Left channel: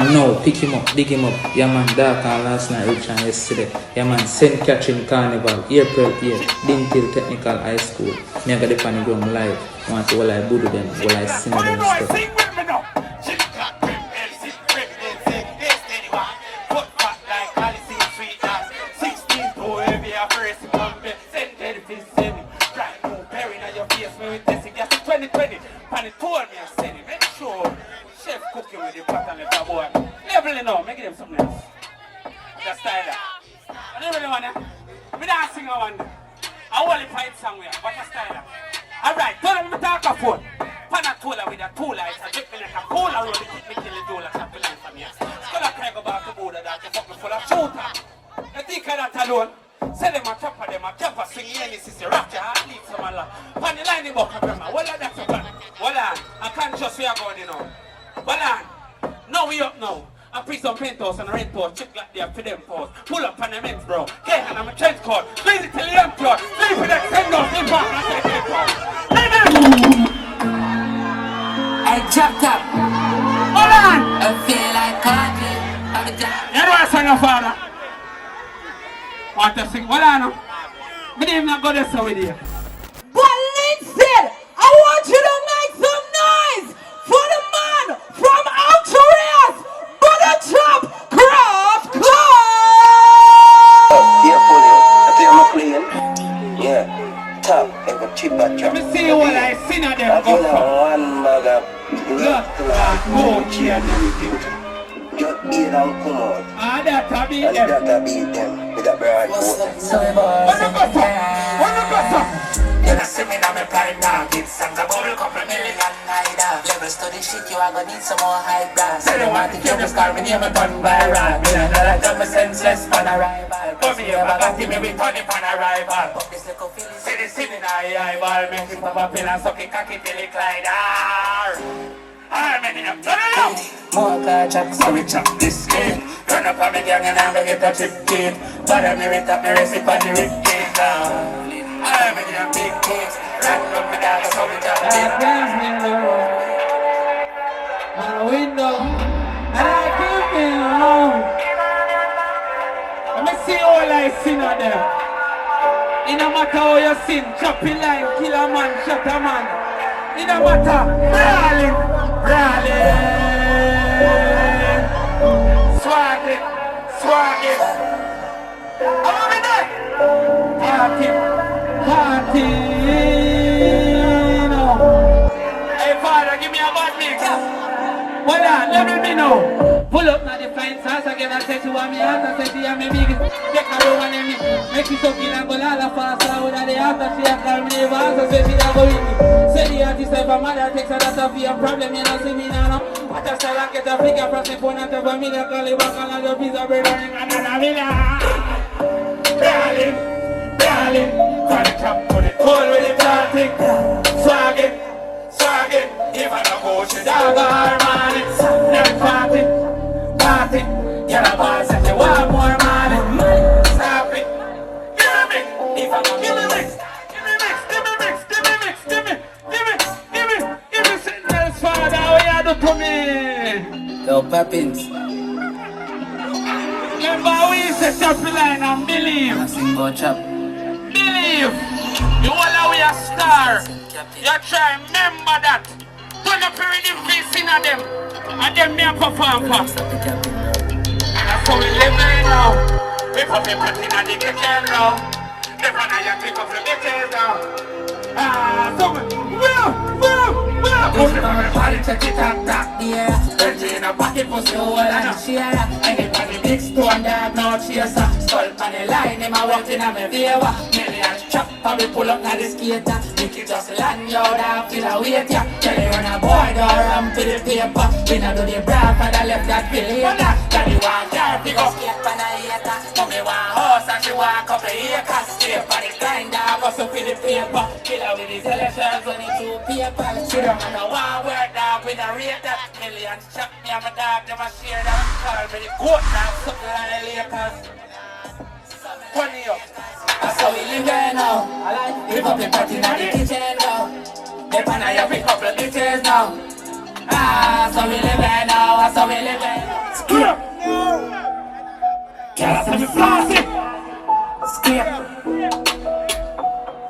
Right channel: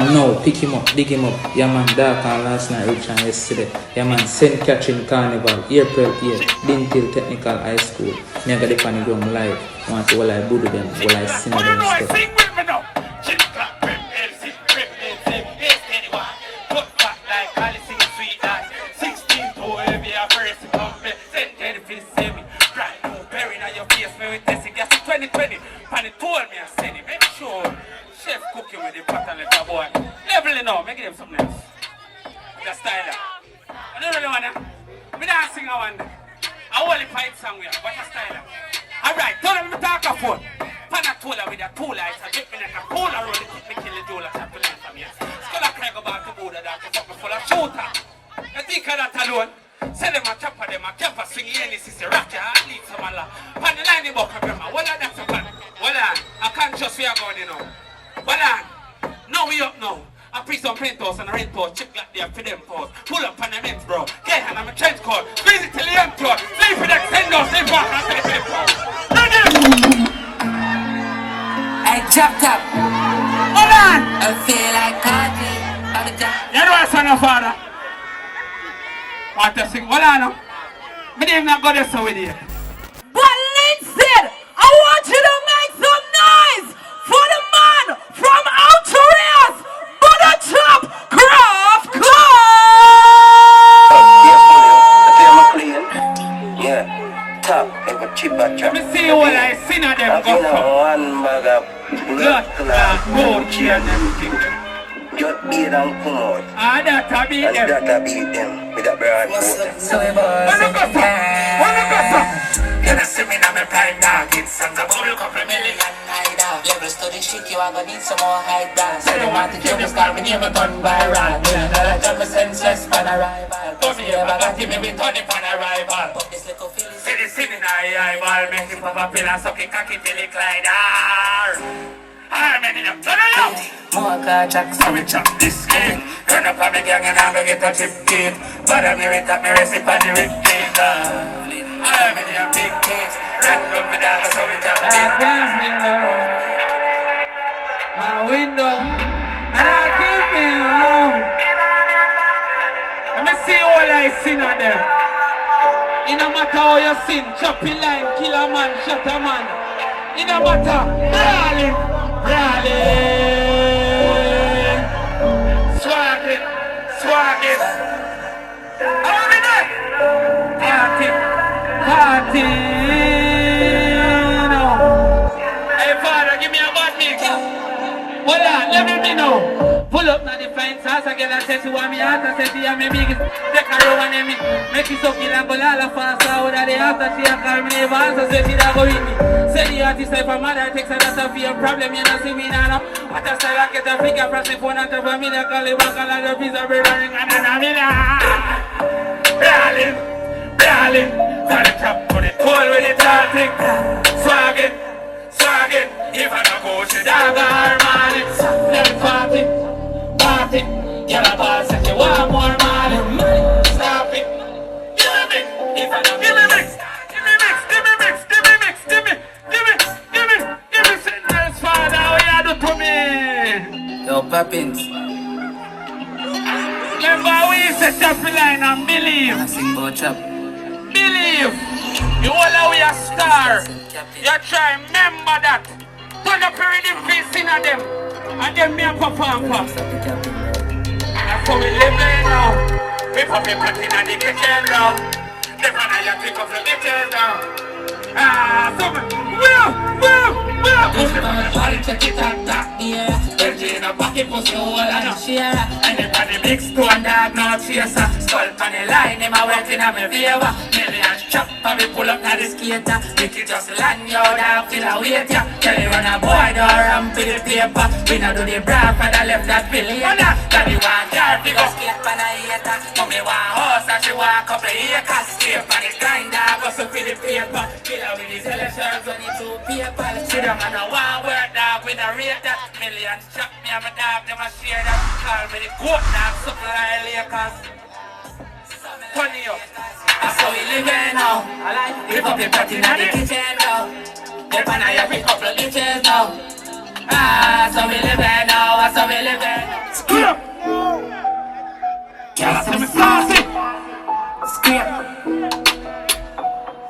from now, pick him up, dig him up. Yeah man, dark on last night, rich on yesterday. Yeah man, ST CATHERINE CARNIVAL, April 8th, Dintil Technical High School. Me got the pan ground live. Want to will I budu them, will I sing them stuff. Make them something else. Just style that. I don't really want to. We don't sing a one. I want to fight somewhere, but just style that. Alright, tell them to talk a phone. Panatola with a two lights. I drip me like a cola roll. It keep me till the door like something else from here. Skull I can't go back to Buddha that to fuck me full of shooter. You think of that alone? Say them a chopper, them a chopper, sing any sister, rock your heart, leave some Allah. Pan the line about Kabrama. Well, that's a pan. Well, I can't just see a going, you know. Well, now we up now. I pre some penthouse and a rent house, chip like there for them toes. Pull up on the next bro. Get him, I'm a trench coat. Visit till the employ. Sleep with that $10, sleep back, I say I dropped up. Hold on! I feel like Cardi. You know what's on your father? Want to sing? Hold on now. Me didn't even go there so with you. But Lindsay, I want you to make some noise for the man from Outer Butter Chop KRAFF Club! Yeah, top, ever chip at chop. Let me see what I seen of them go from. One bag of Blood, gold, and everything. just beat and come out. Ah, that a beat And them. that I beat them with a broad coat. You don't see me now, me pride dog. It's songs about a couple million naira. Level study shit, you are gonna need some more high brass. I don't want to kill this car, me name a gun by rap. Me and I jump a senseless pan arrival. But me ever got him, me turn it pan arrival. But this little feeling, see this in the eye, make him pop up in and suck it, cocky till it glide. I'm in the turn around. More car chat, so we chop this game. Turn up on the gang and I'm gonna get a chip kid. But I'm here at me recipe on the rip game. I'm in the big case. Rock up the dog, so we chop this game. My window, and I keep me home. Let me see all I seen of them. It no matter how you sin, choppy line, kill a man, shot a man. It no matter, brawling, swag it, swag it. I want it there. Party, no. Hey father, give me a bad mix. Hold on, let me know. Pull up now the flying sauce again and say she want me out and say she want me big. Take her over and me. Make she suck in and go all up and start with the after she a call me neighbor and so say she da go with me. Say the artist say for mother takes a lot of your problem, you not see me now. What a style I get a figure press the phone and drop a million call it back and the piece of bread and ring and a million. Darling, for the top for the cold with the plastic. Swag it, if I don't go to dog or money. Them party, get a boss and you want more money. Stop it, give me, if I don't give me mix, Signals father, what you do to me? Yo, Poppins. Remember we said chop the line and believe. Sing about chop. Believe. You all are we a star. You try remember that. Turn up your rhythm face in on them. And then me a perform for. That's how we live now. We pop a party in the kitchen now. Never know you pick up the bitches now. So Push it on the party, check it out, that yeah. Virgin in a pocket, pussy hole and a share. Anybody mix to and dog, no chaser. Skull on the line, them a waiting on me favor. Millions chop, and we pull up na the skater. Make it just land, yo, down, feel a wait, ya. Tell you run a boy, door, ram to the paper. We not do the bra, for the left that billion. Daddy want car, figure skate on a hater. Mommy want horse, and she want couple acres. Scrape on the grinder, bust up with the paper. Kill her with his elections, and it's two paper. See them on the one word dog, we don't rate that. Millions chop me and my dog, them a share that. Call me the goat dog, something like Lakers. Funny up. That's how we live now. Pick up your party in the kitchen now. They pan you pick up your bitches now. That's how we live now, that's how we live. I'm saucy. Skip.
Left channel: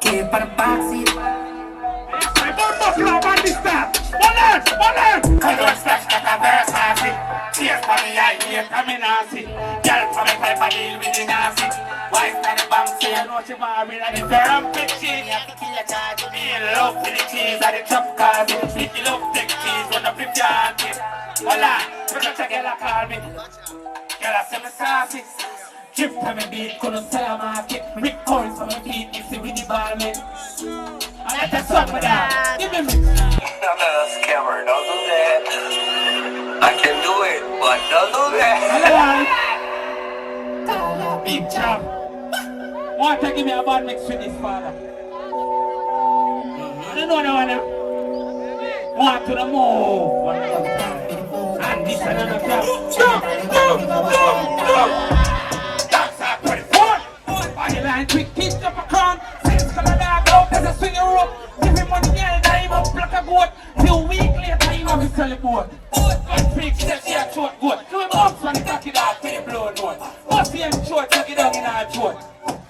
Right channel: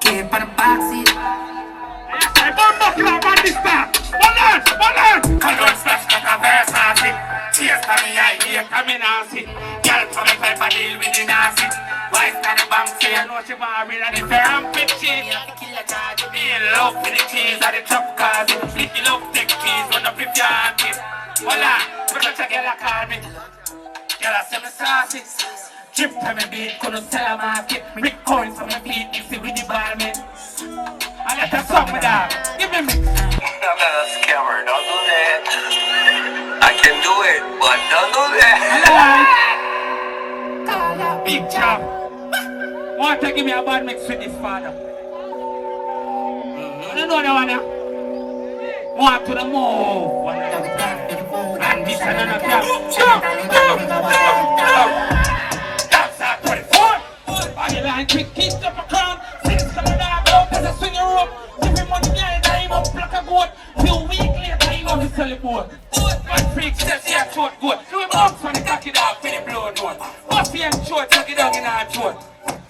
Keep on the backseat. I'm Buffalo man this time. One line. I don't slash like a verse saucy. Cheers for me idea, come in and see. Girl from me type of deal with the Nazi. Why stand the bank say I know she want me and if you're on pitch me have to kill a charge. Me in love with the cheese and the chop cars. If you love take cheese, when I flip your kid. Hola, but I girl a call me. Girl I say me saucy. Drip from me beat, couldn't sell a market. Rick coins from my feet, mix it with the bar man. I got a song with that. Give me mix. I'm not a scammer, don't do that. I can do it, but don't do that. Big jam. Want to give me a bad mix with this father? I don't know that one. Want to the move. And this another jam. That's our 24. Body line quick, keep up a crown. Since coming down, go as a swing your rope. Give him money, yeah, time up, pluck a goat. Few weeks later, he want to sell a boat. One freak says she a short goat. Do a bounce when he cock it off with the blow note. What's the end short, tuck it down in her throat.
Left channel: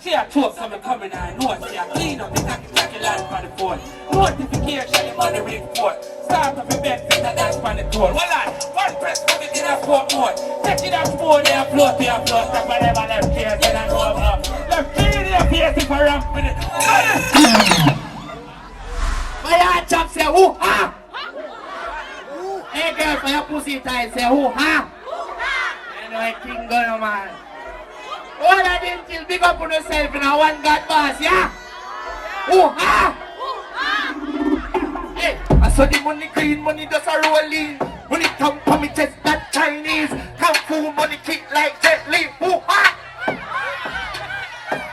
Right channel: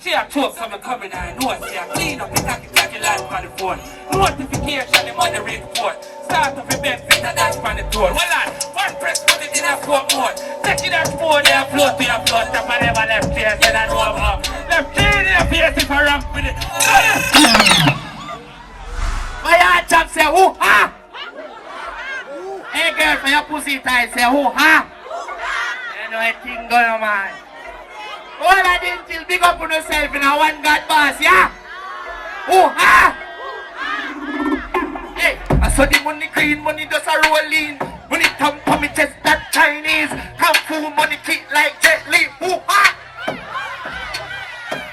She a choke from a coming and know she a clean up the tacky line for the phone. Notification him on the report. Start up a bed, fit a dance on the door. Hold on, one press put it in a 4 mode. Take it up 4 there, float to your float. Stop and never left face and I know up. Left there, face if I ramp with it. My heart chop say, ooh, ha! Hey girl, for your pussy tight, say, ooh, ha! You know a thing going on, man. All I didn't till big up on yourself in a one God boss, yeah? Oh, ah! Hey, I saw the money clean, money does a roll in. Money come from me chest, that Chinese. Kung fu money kick like Jet Li, oh, ah!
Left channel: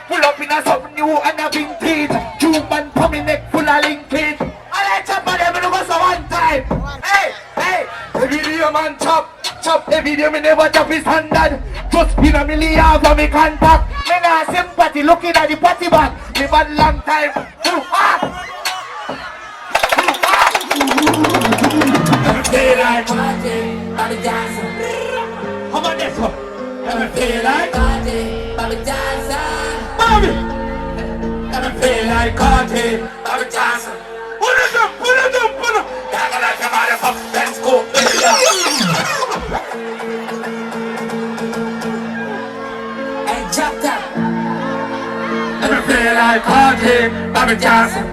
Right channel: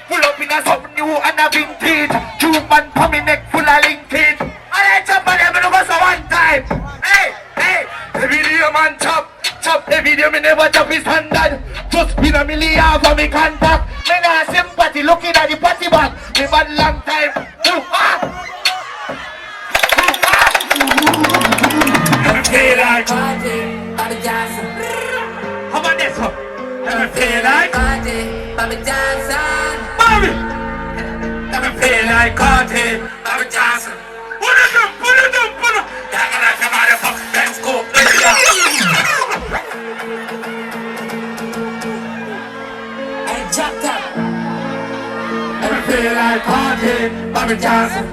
Pull up in a something new and a vintage. Cuban for me neck full of linkage. I chop on them, go so one time. Hey, hey, the video man chop. Chop the video, me never chop his standard. Just been a million for me contact. Me nah sympathy looking at the party band. Me bad long time. Feel like Bobby Johnson. how about this one? Feel like Bobby Johnson. Bobby. Feel like Cardi. Bobby Johnson. Put it up. Talking like a motherfucker. Let's go. Hey, chopped up. Never feel like Cardi. Bobby Johnson.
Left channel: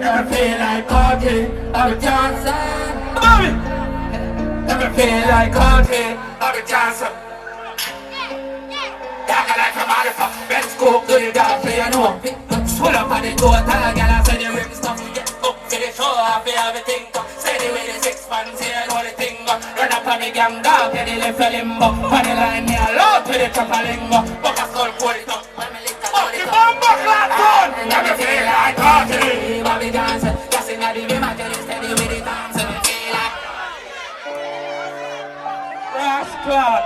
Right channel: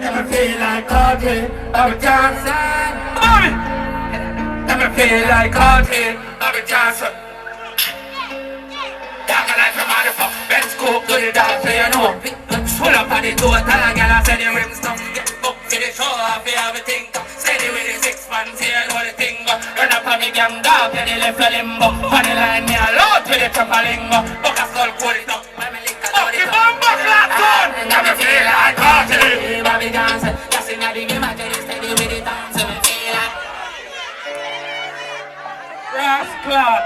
Never feel like Cardi. Bobby Johnson. Bobby. Never feel like Cardi. Bobby Johnson. Talking like a motherfucker. Let's go to the dance, so you know. Pull up on the door, tell a girl I said the rim stuff. Get up to the show, I feel everything come. Steady with the 6 months, here I know the thing go. Run up on me gang down to the left of limbo. On the line, me alone to the top of lingo. Buck a skull, pull it up. When me link a load it up. Never feel like Cardi. Bobby Johnson, just in the game, I tell you steady with the dance. So me feel like Rascal.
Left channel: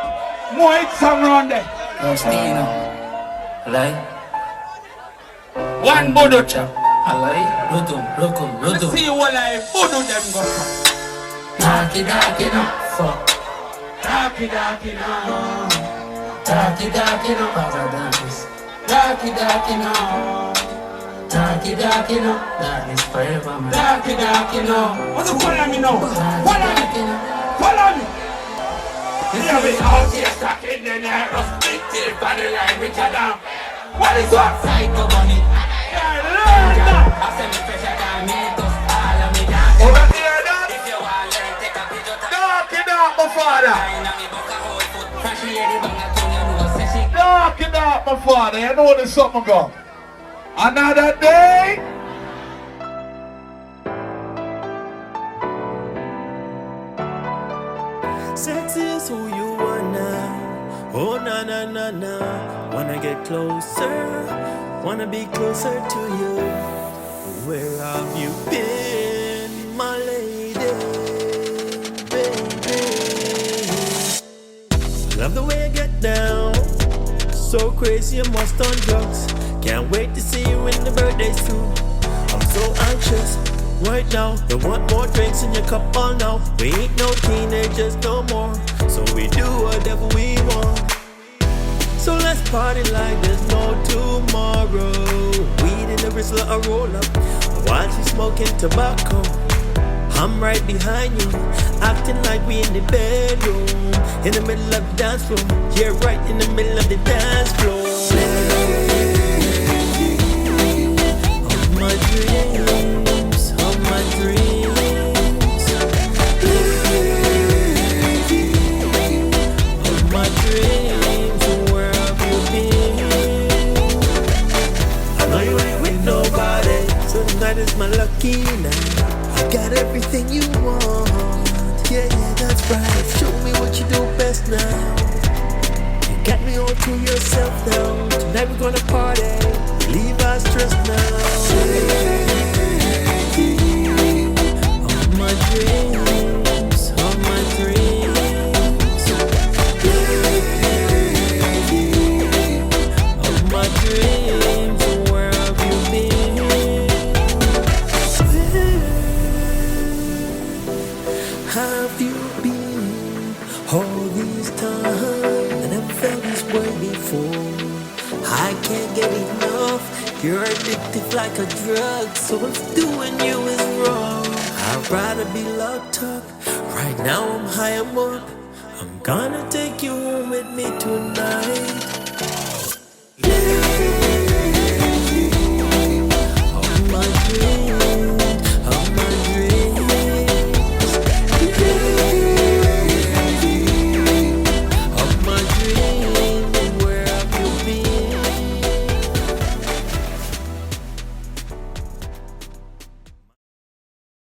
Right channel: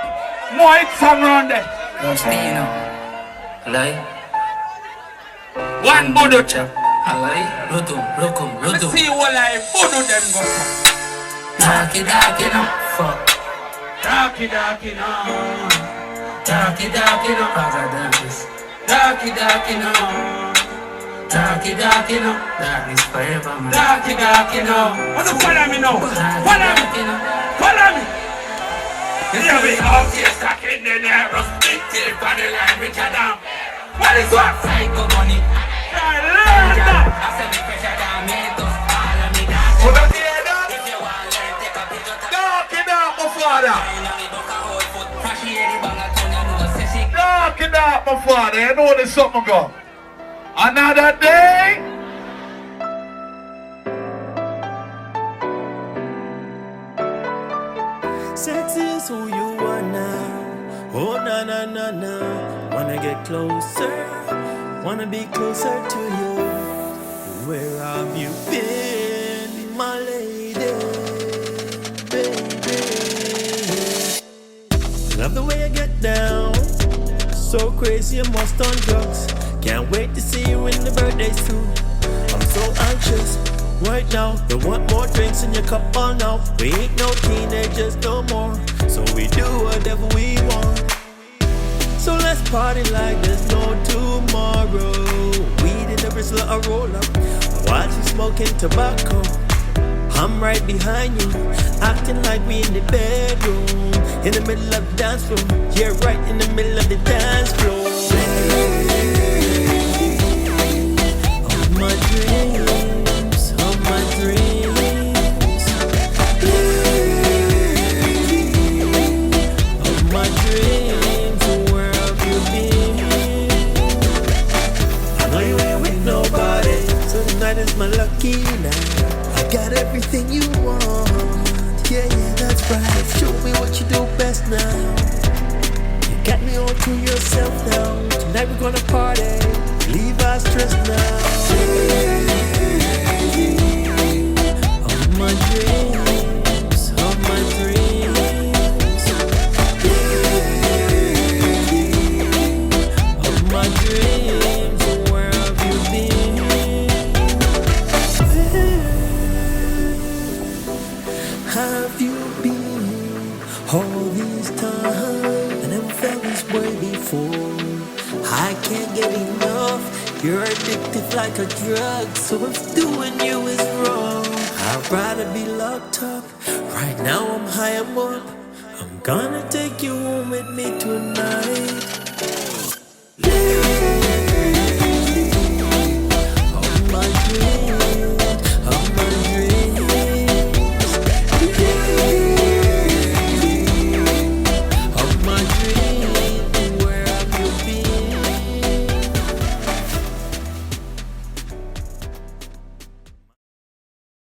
More hits around there. no say no. Lie. One bodo chap. Lie. Rotum. Let me see what I bodo them go for. Darky no. Fuck. Darky no. Darky no. Paradise. Darky no. Darky no. Darkness forever, man. Darky no. What do you follow me now? Follow me. Yeah, we out here stuck in the narrow. Big till body line with your damn. What is what? Psycho money. Yeah, learn now. I said me pressure down, me to follow me down. Hold on here, dog. If you want learn, take a picture. Dark it up, my father. I know me book a whole foot. Crash here, the bang a turn, you know, say she. Dark it up, my father. You know there's something go. Another day. Sex is who you are now. Oh, na. Wanna get closer, wanna be closer to you. Where have you been, my lady, baby? I love the way I get down. So crazy, you must on drugs. Can't wait to see you in the birthday suit. I'm so anxious. right now. Don't want more drinks in your cup all now. We ain't no teenagers no more, so we do whatever we want. So let's party like there's no tomorrow. Weed in the wrist, a roll up. Watch you smoking tobacco. I'm right behind you, acting like we in the bedroom, in the middle of the dance floor. Yeah, right in the middle of the dance floor. Of my dreams, of my dreams, of my dreams. Where have you been? I know you ain't with nobody, so tonight is my lucky night. I got everything you want, yeah, that's right. Show me what you do best now. You got me all to yourself now. Tonight we're gonna party, leave our stress now. Of my dreams, of my dreams, of my dreams. Where have you been? Have you been all these times? I never felt this way before. I can't get enough. You're addictive like a drug, so if doing you is wrong, I'd rather be locked up. Right now I'm high, I'm up. I'm gonna take you home with me tonight. All my dreams.